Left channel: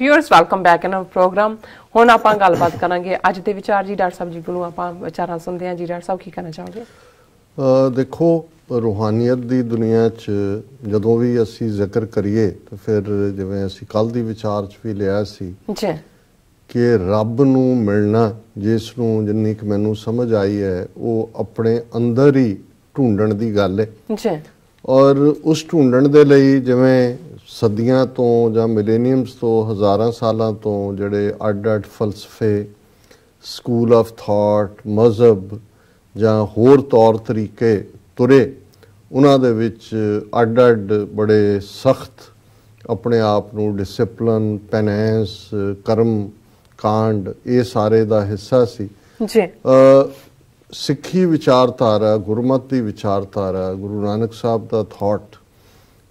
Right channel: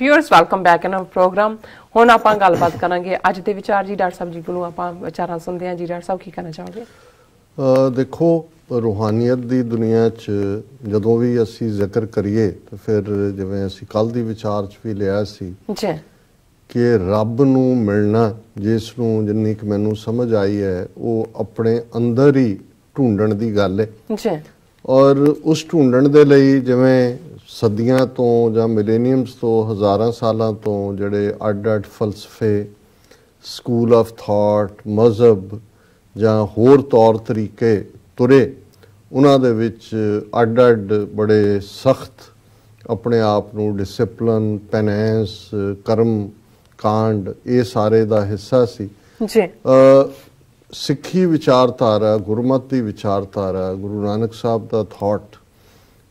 Viewers welcome back in programme. हुण आपां गलबात करांगे अज दे विचार जी। डॉक्टर साहब जी कोलों आपां विचारां सुनदे हां जी। डॉक्टर साहब की कहना चाहोगे? देखो, रूहानियत दी दुनिया च जदों भी असीं जिक्र करिए तो फिर जिवें असीं कल दी विचार च भी लिया सी जी कि रब नूं मिलना, जिस नूं जिन्नी कि मैनूं समझ आई है, वो अपने अंदर ही ढूंढण दी गल है जी। और उस ढूंढण दे लई जिवें सदियां तो जां मिलेनियम्स तो हज़ारां सालां तो जिहड़े अड्ड-अड्ड फलसफे, स्कूल ऑफ थॉट, मजहब जां होर तौर तरीके तुरे, उन्हां दे विच अड्ड-अड्ड बड़े सख्त अपने आप नूं डिसिपलिन, पेनैंस, कर्म कांड ये सारे दा हिस्सा सी जी। सिੱਖੀ विचारधारा, गुरमत की विचारधारा, गुरु नानक साहब का थॉट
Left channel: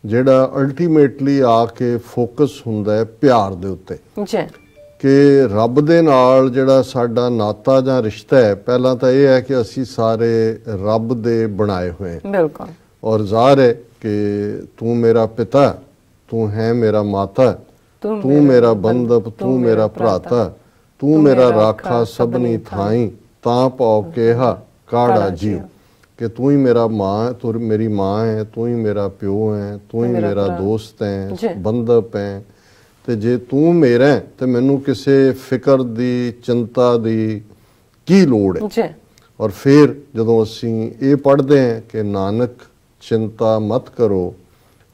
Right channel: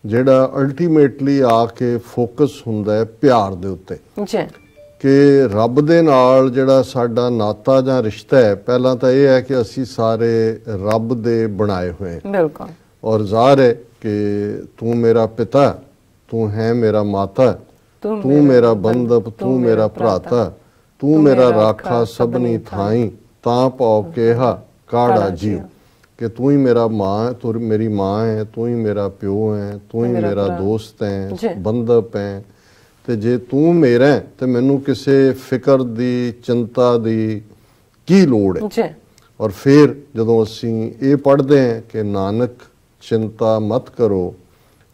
ਜਿਹੜਾ ਅਲਟੀਮੇਟਲੀ ਆ ਕੇ ਫੋਕਸ ਹੁੰਦਾ ਹੈ ਪਿਆਰ ਦੇ ਉੱਤੇ ਜੀ ਕਿ ਰੱਬ ਦੇ ਨਾਲ ਜਿਹੜਾ ਸਾਡਾ ਨਾਤਾ ਜਾਂ ਰਿਸ਼ਤਾ ਹੈ, ਪਹਿਲਾਂ ਤਾਂ ਇਹ ਹੈ ਕਿ ਅਸੀਂ ਸਾਰੇ ਰੱਬ ਦੇ ਬਣਾਏ ਹੋਏ ਹਾਂ। ਬਿਲਕੁਲ। ਔਰ ਜ਼ਾਹਿਰ ਹੈ ਕਿ ਤੂੰ ਮੇਰਾ ਪਿਤਾ, ਤੂੰ ਹੈ ਮੇਰਾ ਮਾਤਾ, ਤੂੰ ਮੇਰਾ ਬੰਧਪ, ਤੂੰ ਮੇਰਾ ਭਰਾਤਾ, ਤੂੰ ਮੇਰਾ ਰਾਖਾ ਸਭਨੀ ਥਾਈ, ਤਾਂ ਪਾਉ ਕਿਹਾ ਕਾੜਾ ਜੀ कि तू ही मेरा माँ, तू मेरी माँ है, तू ही मेरा प्यो है, तू ही मेरा दोस्त है, बंधप है, ते जे तू मेरा है तो मैनू किसी फिक्र दी चिंता दी की लोड़ है। और फिर जदों असीं ये पढ़ते हैं कि नानक चिंता मत करो,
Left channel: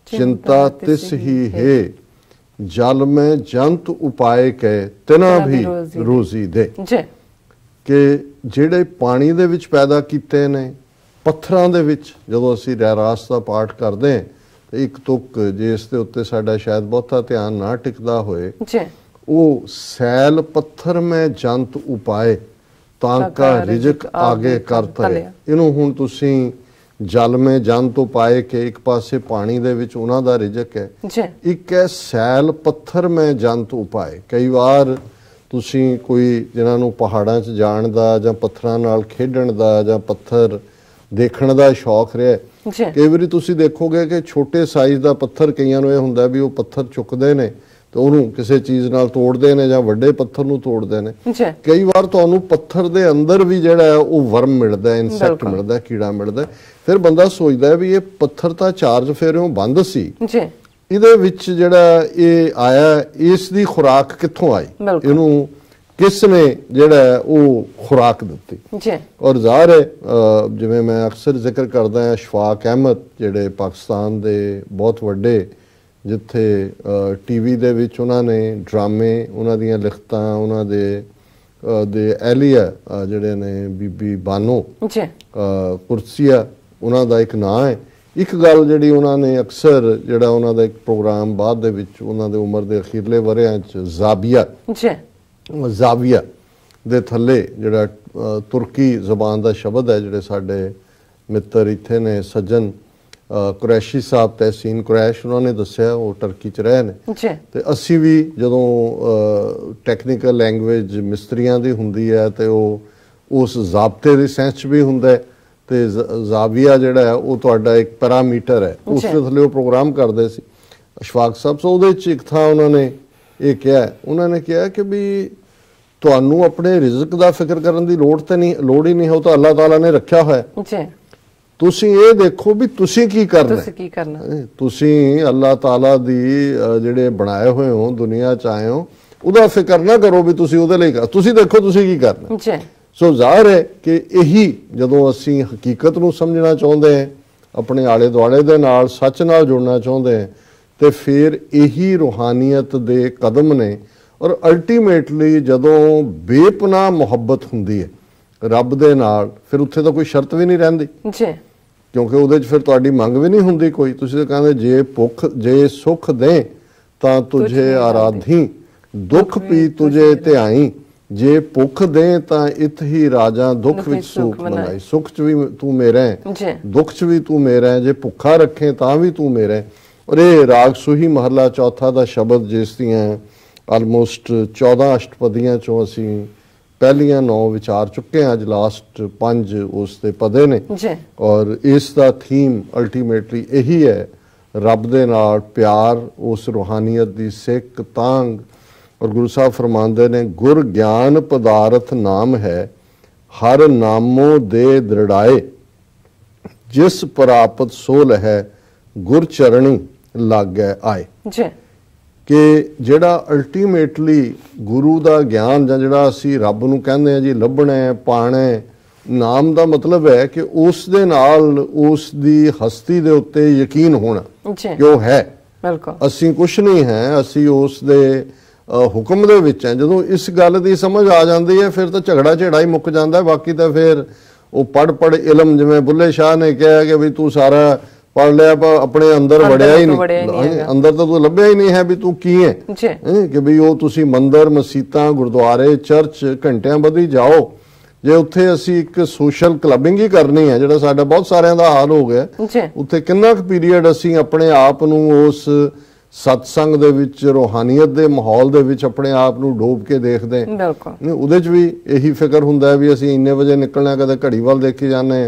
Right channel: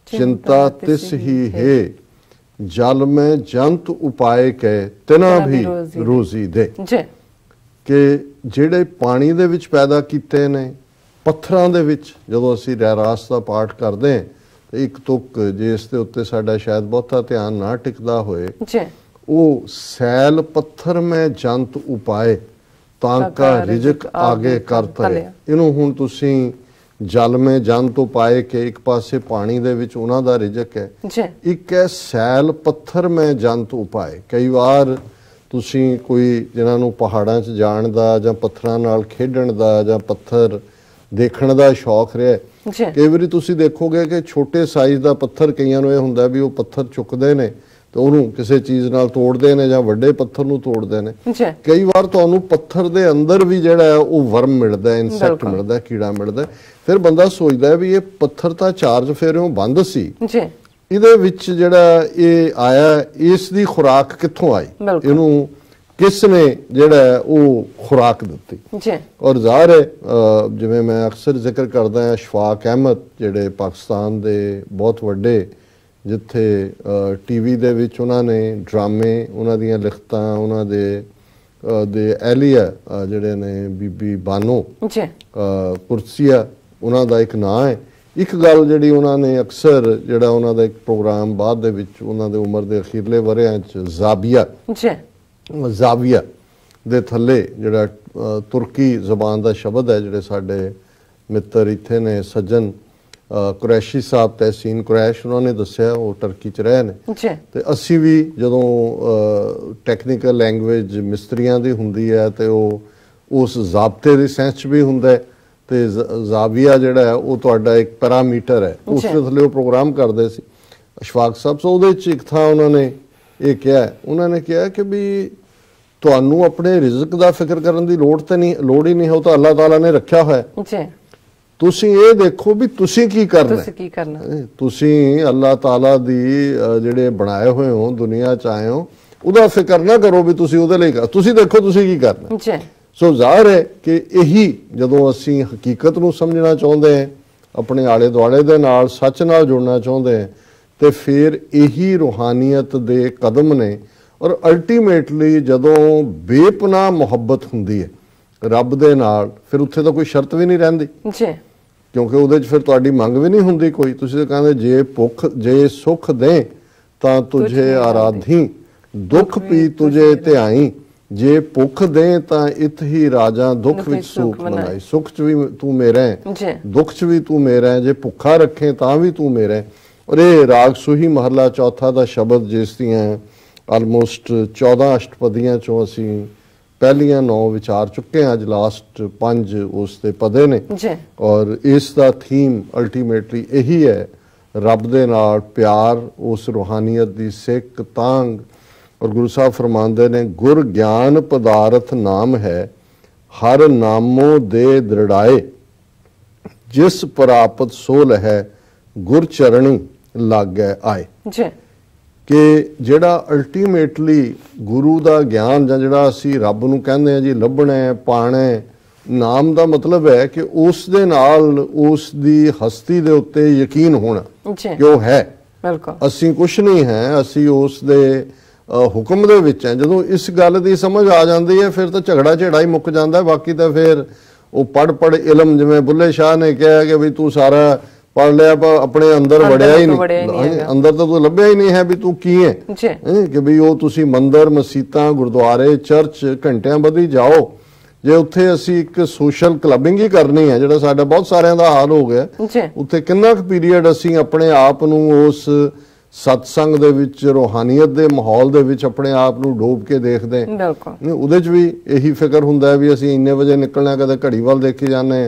चिंता तिस ही है, जल में जंत उपाय के तिना भी रोजी दे। कि जिहड़े पानी दे विच पैदा कीते ने, पत्थरां दे विच जदों असीं रहरास दा पाठ करदे हां ते एक तुक जिस दे उत्ते साडा शायद बहुता ध्यान ना टिकदा होए, ਉਹ सैल पत्थर में जंत उपाय तांका रिजक आगे कर तरे। ਇਹਨੂੰ ਹੁਣ ਤੁਸੀਂ जल में जंत उपाय के एक पासे पानी दे विच ਉਹਨਾਂ ਦਾ रिजक है, एक है सैल पत्थर में जंत उपाय। कई वार ਤੁਸੀਂ ਕੋਈ ਜਿਨ੍ਹਾਂ ਨੂੰ ਪਹਾੜਾਂ 'ਚ ਜਾਣ ਦਾ ਜਾਂ ਪੱਥਰਾਂ ਨਾਲ ਖੇਡਣ ਦਾ ਜਾਂ ਪੱਥਰ ਦੇਖਣ ਦਾ ਸ਼ੌਕ ਰਿਹਾ, ਕਈ ਵਾਰੀ ਤੁਸੀਂ ਦੇਖੋਗੇ ਕਿ ਛੋਟੇ ਸਾਈਜ਼ ਦਾ ਪੱਥਰ ਕਈਆਂ ਨੂੰ ਇਹ ਹੁੰਦਾ ਵੀ ਉਹ ਪੱਥਰ ਚੁੱਕਦੇ ਨੇ ਤੇ ਉਹਨੂੰ ਕਿਸੇ ਚੀਜ਼ ਨਾਲ ਤੋੜਦੇ ਨੇ ਜਾਂ ਵੱਡੇ ਪੱਥਰ ਨੂੰ ਤੋੜਦੇ ਨੇ। ਕਈ ਵਾਰ ਤੁਹਾਨੂੰ ਪੱਥਰ ਦੇ ਅੰਦਰ ਵੀ ਜਿਹੜਾ ਉਹ ਵਰਮ ਮਿਲਦਾ, ਇਨਸੈਕਟ ਮਿਲਦਾ, ਕੀੜਾ ਮਿਲਦਾ। ਫਿਰ ਬੰਦਾ ਸੋਚਦਾ ਵੀ ਇਹ ਪੱਥਰ ਤਾਂ ਚਾਰਜ ਫੇਰਿਓਂ ਬੰਦ ਸੀ, ਇਹਦੇ ਵਿੱਚ ਜਿਹੜਾ ਇਹ ਆਇਆ, ਇਸ ਦੀ ਖੁਰਾਕ ਕਿੱਥੋਂ ਆਈ, ਇਹਨੂੰ किस ने जिहड़ा वो खुराक दी। और ज़ाहिर है जिवें मैं अक्सर जिक्र करदा हां, अशफाक अहमद जिहड़े पाकिस्तान दे बहुत वड्डे, जिथे टीवी दे विच उन्हां ने ड्रामे, उन्हां दीयां लिखतां, उन्हां दे एहलिया जिहड़े ने बीबी बानो कुरसिया, उन्हां दा एक नाम है। एक गल जिहड़ी उन्हां ने अक्सर जिहड़ा उन्हां दा एक प्रोग्राम बाद दे विच उन्हां दे उम्र दे अखीरले वरियां च ज़ाविया दे थल्ले जिहड़ा तुर्की ज़बान दा शब्द है, जिहड़े साडे मित्र इत्थे ने सज्जन कुरैशी साहब, तहसीन कुरैश, उन्होंने दस्सिया वो टर्की च रहे ने। ते असी भी जदों टैक्नीकल लैंग्वेज मिस्त्रियां दी हुंदी है ते उस ज़ाबते दी सेंस भी हुंदा है ते ज़ाविया जिहड़ा है वो तुहाडा एक पैरामीटर है, उस दे थल्ले वो प्रोग्राम करदे सी अशफाक साहब। सो उहदे च एक थां उन्होंने ये कहा, उन्होंने कहा कि भी तुहानू अपने रिजक दा फिक्र करन दी लोड़ ही नहीं हो, तो अल्लाह ताला ने रखा है। तुसी ये देखो भी तुसी की करना, तुसी अल्लाह ताला दी जिहड़े बनाए हुए हो, दुनिया च आए हो, उहदा फिक्र ना करो भी तुसी उहदे लई तुसी देखो तुसी की करना। सो ज़ाहिर है कि यही जदों असीं हकीकत नूं समझना चाहुंदे हैं, अपने आले दुआले दे नाल सच नाल जुड़ना चाहुंदे हैं, तो फिर यही रूहानियत दे कदम ने। और अल्टीमेटली जदों बेपनाह मुहब्बत हुंदी है रब दे नाल, फिर उत्थे तो कोई शर्त भी नहीं रहिंदी, क्योंकि उहदे च फिर तुहाडी मंग भी नहीं हुंदी कोई। तुसीं तां कहंदे जे भुख जे सुख दे तां तुझे आराधी, दुख पी तुझे ध्याई, जे भुख दे तां इत ही राजा दुख विच सुख बनाई। सुख च भी तू मेरा है, दुख च भी तू मेरा है, जे भुखा रखे तां भी तू मेरा है। और ये राग सूही महला चौथा का शब्द, जिस दियां आलमोस्ट 14 अष्टपदियां चों असीं पहलियां 9 विचार चुके हैं, अज लास्ट 5 उस दे पदे ने। और इसका थीम अल्टीमेटली यही है, रब दे नाल प्यार, उस रूहानियत दी सिक तांग और गुरु साहब फरमाते ने गुर ज्ञान पदार्थ नाम है हर नामों दे दृढ़ाए जिस प्राप्त सोल है गुर चरणी लागे आए कि जिहड़ा अल्टीमेटली गुरु दा ज्ञान जां जिहड़ा असीं रब नूं कहंदे आ जी लभना है पाना है नाम दा मतलब है कि उस दे नाल उस दी हस्ती दे उत्ते यकीन होना कि वो है असीं कुछ नहीं है असीं उस दे हुक्म दे विच है जदों इस गल दी समझ आ जाती है फिर तो झगड़ा झेड़ा ही मुक जाता है बाकी तो फिर वो पढ़ इलम जिवें बुल्ले शाह ने कहा कि भी तू सारा पढ़ लिया पर अपने अंदर वड़िया ही नहीं अंदर तो तू लभ्या ही नहीं है भी तू की है कि भी वो तुसी मंदिर मसीतां गुरुद्वारे चर्च घंटियां बधी जाओ जे उत्थे असीं एक सोशल क्लबिंग ही करनी है जिहड़ा साडा बहुत सारिਆਂ ਦਾ हाल हो गया उत्थे किन्ना क पीरीयड असीं अपने आप नूं उस सत्संग दे विच रूहानीयत दे माहौल दे विच अपने आप नूं डोब के देखदे उहदे च भी यही फिक्र हुंदा है भी असीं इन्ने वजे निकलना कदे घड़ी वल देखी जाने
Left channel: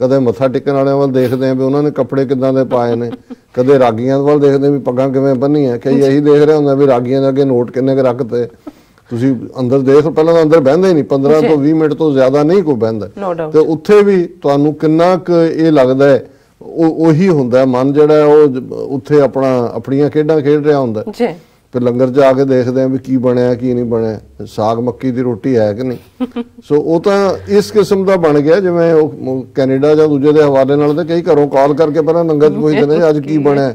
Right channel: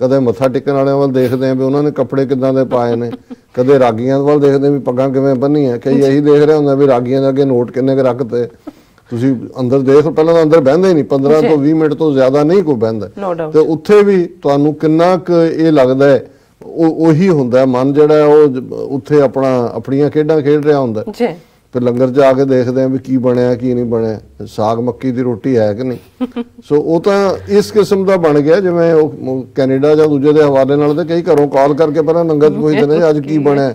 कदे मत्था टेकण वालिਆਂ ਵੱਲ देखदे हैं भी उन्होंने कपड़े किदां दे पाए ने कदे रागियां ਵੱਲ देखदे भी पग्गां किवें बन्नीਆਂ कई यही देख रहे हुंदे भी रागियां दे अगे नोट किन्ने क रखते ਤੁਸੀਂ ਅੰਦਰ ਦੇਖ ਪਹਿਲਾਂ ਅੰਦਰ ਬਹਿੰਦੇ ਨਹੀਂ 15 ਤੋਂ 20 ਮਿੰਟ ਤੋਂ ਜ਼ਿਆਦਾ ਨਹੀਂ ਕੋਈ ਬਹਿੰਦਾ ਤੇ ਉੱਥੇ ਵੀ ਤੁਹਾਨੂੰ ਕਿੰਨਾ ਕੁ ਇਹ ਲੱਗਦਾ ਹੈ ਉਹੀ ਹੁੰਦਾ ਮਨ ਜਿਹੜਾ ਉਹ ਉੱਥੇ ਆਪਣੀਆਂ ਖੇਡਾਂ ਖੇਡ ਰਿਹਾ ਹੁੰਦਾ ਜੀ ਤੇ ਲੰਗਰ ਜਾ ਕੇ ਦੇਖਦੇ ਆ ਵੀ ਕੀ ਬਣਿਆ ਕੀ ਨਹੀਂ ਬਣਿਆ ਸਾਗ ਮੱਕੀ ਦੀ ਰੋਟੀ ਹੈ ਕਿ ਨਹੀਂ ਸੋ ਉਹ ਤਾਂ ਇਸ ਕਿਸਮ ਦਾ ਬਣ ਗਿਆ ਜਿਵੇਂ ਉਹ ਕੈਨੇਡਾ ਜਾਂ ਦੂਜੇ ਦੇ ਹਵਾਲੇ ਨਾਲ ਤੇ ਕਈ ਘਰੋਂ ਕਾਲ ਕਰਕੇ ਪਹਿਲਾਂ ਲੰਗਰ ਪੁੱਛਦੇ ਨੇ ਅੱਜ ਕੀ ਬਣਿਆ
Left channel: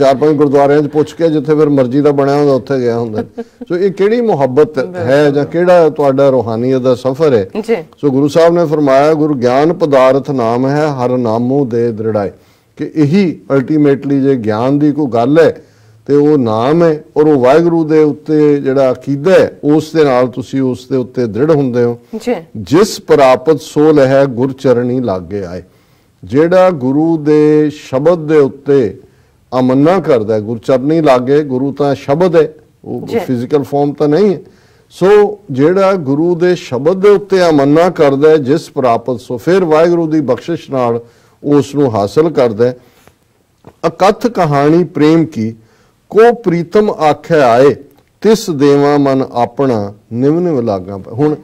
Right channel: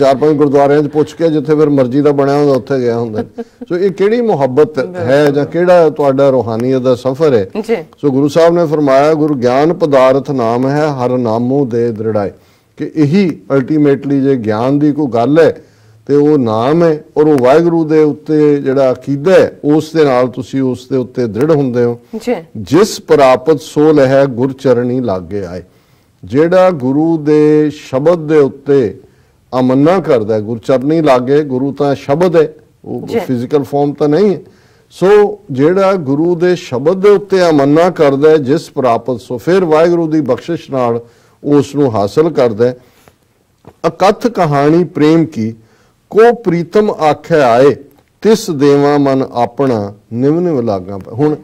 4-5 ਗੁਰਦੁਆਰਿਆਂ 'ਚ ਪੁੱਛ ਕੇ ਜਿੱਥੇ ਫਿਰ ਮਰਜ਼ੀ ਦਾ ਬਣਿਆ ਹੁੰਦਾ ਉੱਥੇ ਗਿਆ ਹੁੰਦਾ ਸੋ ਇਹ ਕਿਹੜੀ ਮੁਹੱਬਤ ਹੈ ਜਾਂ ਕਿਹੜਾ ਤੁਹਾਡਾ ਰੂਹਾਨੀਅਤ ਦਾ ਸਫ਼ਰ ਹੈ ਸੋ ਗੁਰੂ ਸਾਹਿਬ ਨੇ ਫਰਮਾਇਆ ਗੁਰੂ ਗਿਆਨ ਪਦਾਰਥ ਨਾਮ ਹੈ ਹਰ ਨਾਮੋਂ ਦੇ ਦ੍ਰਿੜਾਏ ਕਿ ਇਹੀ ਅਲਟੀਮੇਟਲੀ ਜੇ ਗਿਆਨ ਦੀ ਕੋਈ ਗੱਲ ਹੈ ਤੇ ਉਹ ਨਾਮ ਹੈ ਔਰ ਉਹ ਵਾਹਿਗੁਰੂ ਦੇ ਉੱਤੇ ਜਿਹੜਾ ਅਕੀਦਾ ਹੈ ਉਸ ਦੇ ਨਾਲ ਤੁਸੀਂ ਉਸ ਦੇ ਉੱਤੇ ਦ੍ਰਿੜ ਹੁੰਦੇ ਹੋ ਜਿਸ ਪ੍ਰਾਪਤ ਸੋਲ ਹੈ ਗੁਰ ਚਰਣੀ ਲਾਗੇ ਆਏ ਜਿਹੜਾ ਗੁਰੂ ਦੇ ਸ਼ਬਦ ਦੇ ਉੱਤੇ ਅਮੰਨਾ ਕਰਦਾ ਗੁਰ ਚਰਣੀ ਲਾਗੇ ਗੁਰੂ ਤਾਂ ਸ਼ਬਦ ਹੈ ਉਹ ਫਿਜ਼ੀਕਲ ਫਾਰਮ ਤਾਂ ਨਹੀਂ ਹੈ ਸੋ ਜਿਹੜਾ ਗੁਰੂ ਦੇ ਸ਼ਬਦ ਦੇ ਉੱਤੇ ਅਮੰਨਾ ਕਰਦਾ ਜਿਸ ਪ੍ਰਾਪਤ ਸੋ ਫਿਰ ਵਾਹਿਗੁਰੂ ਦੀ ਬਖਸ਼ਿਸ਼ ਨਾਲ ਉਸ ਨੂੰ ਹਾਸਲ ਕਰਦਾ ਅਕਥ ਕਹਾਣੀ ਪ੍ਰੇਮ ਕੀ को प्रीतम आखे आए तिस देवा मन अपना निव निव लागा हुण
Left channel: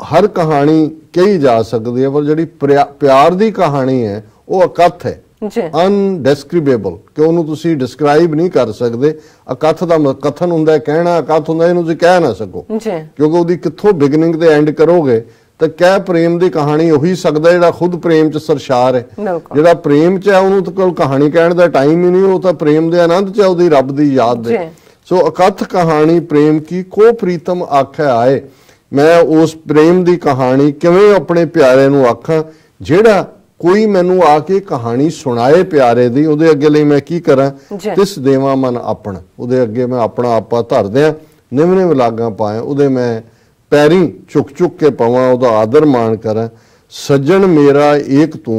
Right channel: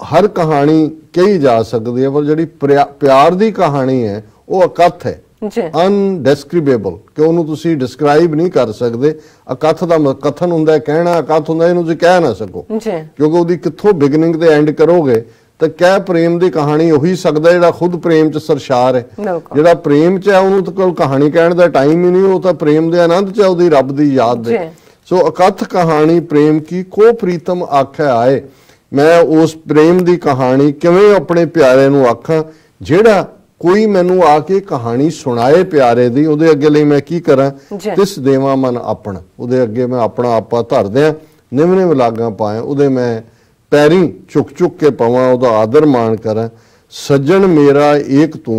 हर कहानी कही जा सकती है पर जिहड़ी प्यार दी कहानी है वो अकथ है अनडिस्क्रिबेबल कि उहनूं तुसीं डिस्क्राइब नहीं कर सकते अकथ दा कथन हुंदा कहना अकथ हुंदा इहनूं तुसीं कह ना सको क्योंकि उहदी कित्थों बिगनिंग ते एंड करोगे तो क्या प्रेम की कहानी हो ही सकता है खुद प्रेम च सरशार है जो प्रेम च है उन्होंने तो कोई कहानी कहने का टाइम ही नहीं वो तो प्रेम के आनंद च है रब की याद दे सो अकथ कहानी प्रेम की को प्रीतम आखे आए मैं उस प्रेम की कहानी किवें अपने प्यारे नूं आखां जेड़ा कोई मैनू आके कहानी सुनाए प्यारे दी उहदे अगे लई मैं की करां तिस देवां मन अपना उहदे अगे मैं अपना आपा धर दियां निव निव लागां पाए उहदे मैं पैरी चुक चुक के पवां उहदा आदर मान करा सज्जन मेरा एक तू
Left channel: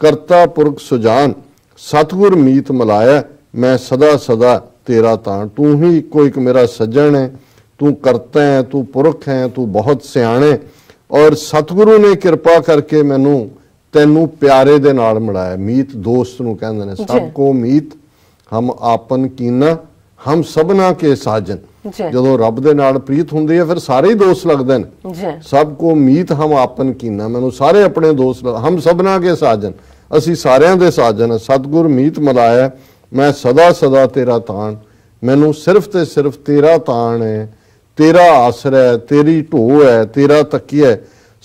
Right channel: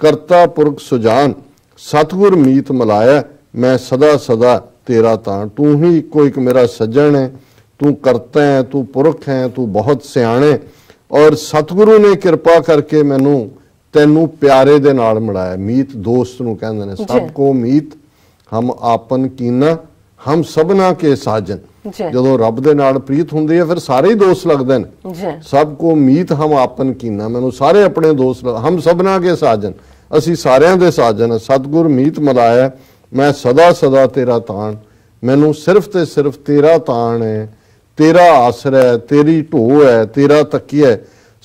करता पुरख सुजान सतगुर मीत मिलाया मैं सदा सदा तेरा तां तू ही कोई एक मेरा सज्जन है तू करता है तू पुरख है तू बहुत सियाणे और सतगुरु ने कृपा करके मैनू तैनू प्यारे दे नाल मिलाया मीत दोस्त नू कहंदे ने सबको मीत हम आपन कीना हम सबना के साजन ਜਦੋਂ ਰੱਬ ਦੇ ਨਾਲ ਪ੍ਰੀਤ ਹੁੰਦੀ ਹੈ ਫਿਰ ਸਾਰੇ ਹੀ ਦੋਸਤ ਲੱਗਦੇ ਨੇ ਸਭ ਕੋ ਮੀਤ ਹਮ ਆਪਨ ਕੀਨਾ ਮੈਨੂੰ ਸਾਰੇ ਆਪਣੇ ਦੋਸਤ ਹਮ ਸਭਨਾ ਕੇ ਸਾਜਨ ਅਸੀਂ ਸਾਰਿਆਂ ਦੇ ਸਾਜਨ ਸਤਿਗੁਰ ਮੀਤ ਮਿਲਾਇਆ ਮੈਂ ਸਦਾ ਸਦਾ ਤੇਰਾ ਤਾਣ ਮੈਨੂੰ ਸਿਰਫ ਤੇ ਸਿਰਫ ਤੇਰਾ ਤਾਣ ਹੈ ਤੇਰਾ ਆਸਰਾ ਹੈ ਤੇਰੀ ਢੋ ਹੈ ਤੇਰਾ ਤਕੀਆ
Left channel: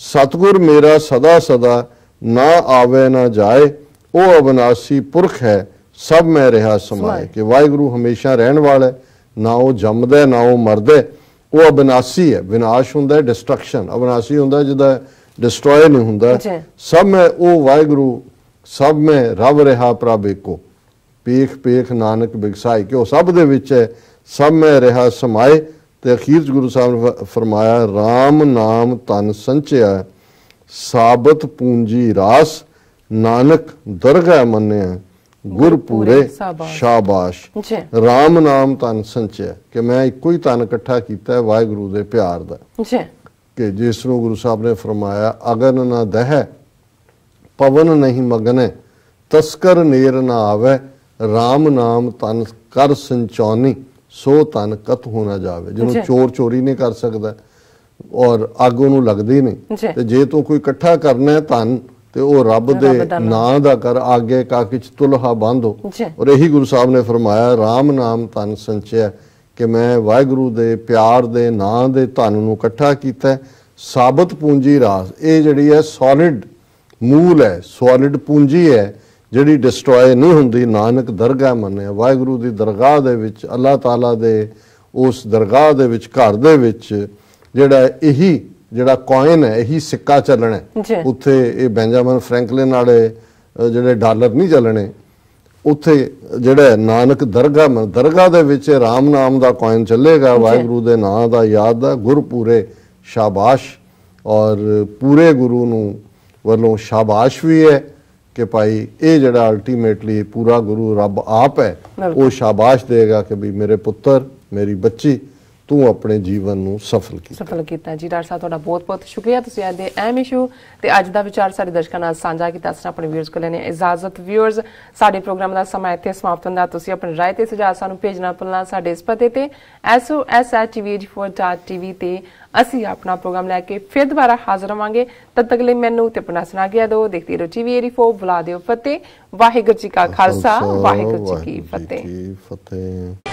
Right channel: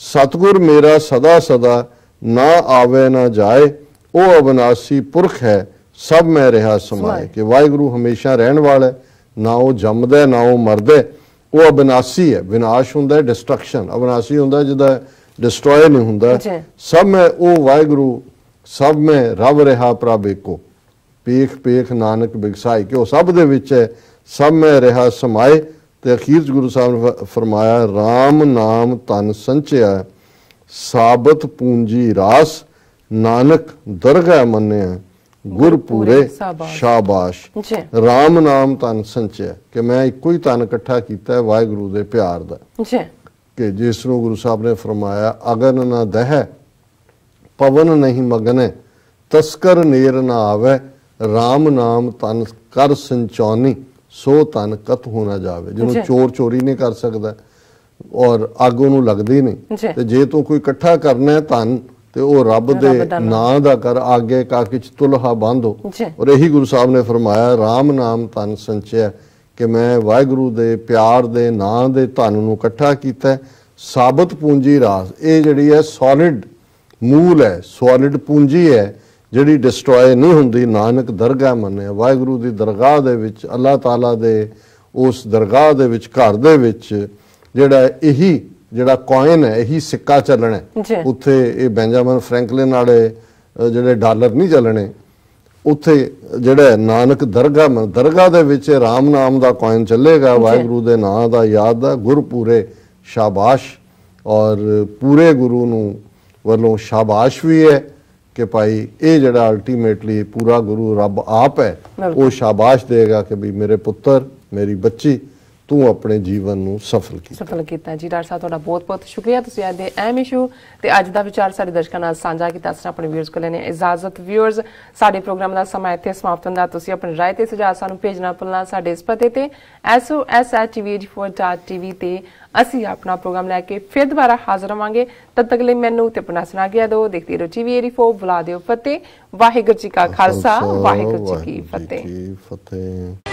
ਸਤਿਗੁਰ ਮੇਰਾ ਸਦਾ ਸਦਾ ਨਾ ਆਵੇ ਨਾ ਜਾਏ ਉਹ ਅਬਨਾਸੀ ਪੁਰਖ ਹੈ ਸਭ ਮੈਂ ਰਿਹਾ ਸਮਾਏ ਕਿ ਵਾਹਿਗੁਰੂ ਹਮੇਸ਼ਾ ਰਹਿਣ ਵਾਲਾ ਹੈ ना वो जमदा ना वो मरदा वो अविनाशी है विनाश हुंदा डिस्ट्रक्शन अविनाशी हुंदा जिदा डिस्ट्रॉय नहीं हुंदा सब में वो वाहिगुरू सब में रब रहा प्रभ एको पेख पेख नानक बिगसाई कि वो सब दे विच है सब में रहा समाए ते अखीर गुरु साहब ने फरमाया राम नाम तन संचिया साबत पूंजी रास नानक दरगाह मन्ने गुरपुरे शाबाश राम नाम तन संचिया कि मैं एको ही तन इकट्ठा किया वाहिगुरू दे प्यार दा कि जिसनों गुरु साहब ने फरमाया अगन ना दह पवन नहीं मगने तस्कर नेर ना आवे राम नाम तन कर संचौनी ਸੋ ਧਨ ਕਤ ਹੋ ਨਾ ਜਾਵੇ। ਜਿਹਨੂੰ ਚੋਰ ਚੋਰੀ ਨਹੀਂ ਕਰ ਸਕਦਾ ਔਰ ਅੱਗ ਉਹਨੂੰ ਲੱਗਦੀ ਨਹੀਂ, ਤੇ ਜੇ ਤੂੰ ਕੋਈ ਇਕੱਠਾ ਕਰਨਾ ਹੈ ਧਨ ਤੇ ਉਹ ਰੱਬ ਦੇ ਨਾਂ ਦਾ ਕਰ, ਆਗੇ ਕਾਕਿ ਚ ਤੁਲਹਾ ਬਾਂਧੋ। ਔਰ ਇਹੀ ਗੁਰੂ ਸਾਹਿਬ ਨੇ ਫਰਮਾਇਆ ਰਾਮ ਨਾਮ ਧਨ ਸੰਚਿਆ, ਕਿ ਮੈਂ ਵਾਹਿਗੁਰੂ ਦੇ ਪਿਆਰ ਦੇ ਨਾਂ ਦੇ ਧਨ ਨੂੰ ਇਕੱਠਾ ਕੀਤਾ। ਸਾਬਤ ਪੂੰਜੀ ਰਾਸ, ਇਹ ਜਿਹੜੀ ਹੈ ਸੋਲਿਡ ਮੂਲ ਹੈ, ਸੋਲਿਡ ਪੂੰਜੀ ਹੈ ਜਿਹੜੀ ਡਿਸਟਰੋਏ ਨਹੀਂ ਹੁੰਦੀ। ਨਾਨਕ ਦਰਗਾਹ ਮੰਨਿਆ, ਵਾਹਿਗੁਰੂ ਦੀ ਦਰਗਾਹ ਦੇ ਵਿੱਚ, ਅੱਲਾਹ ਤਾਲਾ ਦੇ ਉਸ ਦਰਗਾਹ ਦੇ ਵਿੱਚ, ਘਰ ਦੇ ਵਿੱਚ ਜਿਹੜਾ ਇਹੀ ਜਿਹੜਾ ਕੋਇਨ ਹੈ, ਇਹੀ ਸਿੱਕਾ ਚੱਲਣਾ। ਉੱਥੇ ਇਹ ਬੈਂਜਾਮਿਨ ਫਰੈਂਕਲਿਨ ਵਾਲੇ ਜਿਹੜੇ ਡਾਲਰ ਨਹੀਂ ਚੱਲਣੇ, ਉੱਥੇ ਜਿਹੜਾ ਨਾਨਕ ਦਰਗਾਹ ਦੇ ਵਿੱਚ ਰਾਮ ਨਾਮ ਦਾ ਕੋਇਨ ਚੱਲੇਗਾ, ਵਾਹਿਗੁਰੂ ਦੇ ਨਾਂ ਦਾ ਯਾਦ ਦਾ। ਗੁਰ ਪੂਰੇ ਸ਼ਾਬਾਸ਼, ਔਰ ਪੂਰੇ ਗੁਰੂ ਨੂੰ ਵੱਲੋਂ ਸ਼ਾਬਾਸ਼ ਵੀ ਹੈ ਕਿ ਭਾਈ ਇਹ ਜਿਹੜਾ ਅਲਟੀਮੇਟਲੀ ਪੂਰਾ ਗੁਰੂ ਰੱਬ ਆਪ ਹੈ, ਉਹ ਸ਼ਾਬਾਸ਼ ਦੇਗਾ ਕਿ ਵੀ ਮੇਰੇ ਪੁੱਤਰ, ਮੇਰੀ ਬੱਚੀ, ਤੂੰ ਆਪਣੇ ਜੀਵਨ ਨੂੰ ਸਫਲ ਕੀਤਾ ਜੀ। ਡਾਕਟਰ ਸਾਹਿਬ ਤੁਹਾਡਾ ਬਹੁਤ ਬਹੁਤ ਸ਼ੁਕਰੀਆ, ਤੁਸੀਂ ਅੱਜ ਦੇ ਅਹਿਮ ਇਸ਼ੂ ਤੇ ਅੱਜ ਦਾ ਵਿਚਾਰ ਸਾਡੇ ਦਰਸ਼ਕਾਂ ਨਾਲ ਸਾਂਝਾ ਕੀਤਾ। ਅਸੀਂ ਆਪਣੇ ਵਿਊਅਰਸ ਕੋਲ ਲੈਣੇ ਇਜਾਜ਼ਤ। ਵਿਊਅਰਸ, ਸਾਡੇ ਪ੍ਰੋਗਰਾਮ ਦਾ ਸਮਾਂ ਇੱਥੇ ਸਮਾਪਤ ਹੁੰਦਾ। ਤੁਸੀਂ ਆਪਣੀ ਰਾਏ ਤੇ ਸੁਝਾਅ ਸਾਨੂੰ ਭੇਜਣਾ ਭੁੱਲਣਾ ਸਾਡੇ ਇਸ ਪਤੇ ਤੇ SOS@tv84.tv ਤੇ। ਅਸੀਂ ਆਪਣਾ ਪ੍ਰੋਗਰਾਮ ਲੈ ਕੇ ਫਿਰ ਦੁਬਾਰਾ ਹਾਜ਼ਰ ਹੋਵਾਂਗੇ। ਤਦ ਤੱਕ ਲਈ ਮੈਨੂੰ ਤੇ ਆਪਣਾ ਸੁਣਾ ਗਿਆ ਦੋ। ਦੇਖਦੇ ਰਹੋ TV84, ਬੁਲਾ ਦਿਓ ਫਤਿਹ। ਵਾਹਿਗੁਰੂ ਜੀ ਕਾ ਖਾਲਸਾ, ਵਾਹਿਗੁਰੂ ਜੀ ਕੀ ਫਤਿਹ।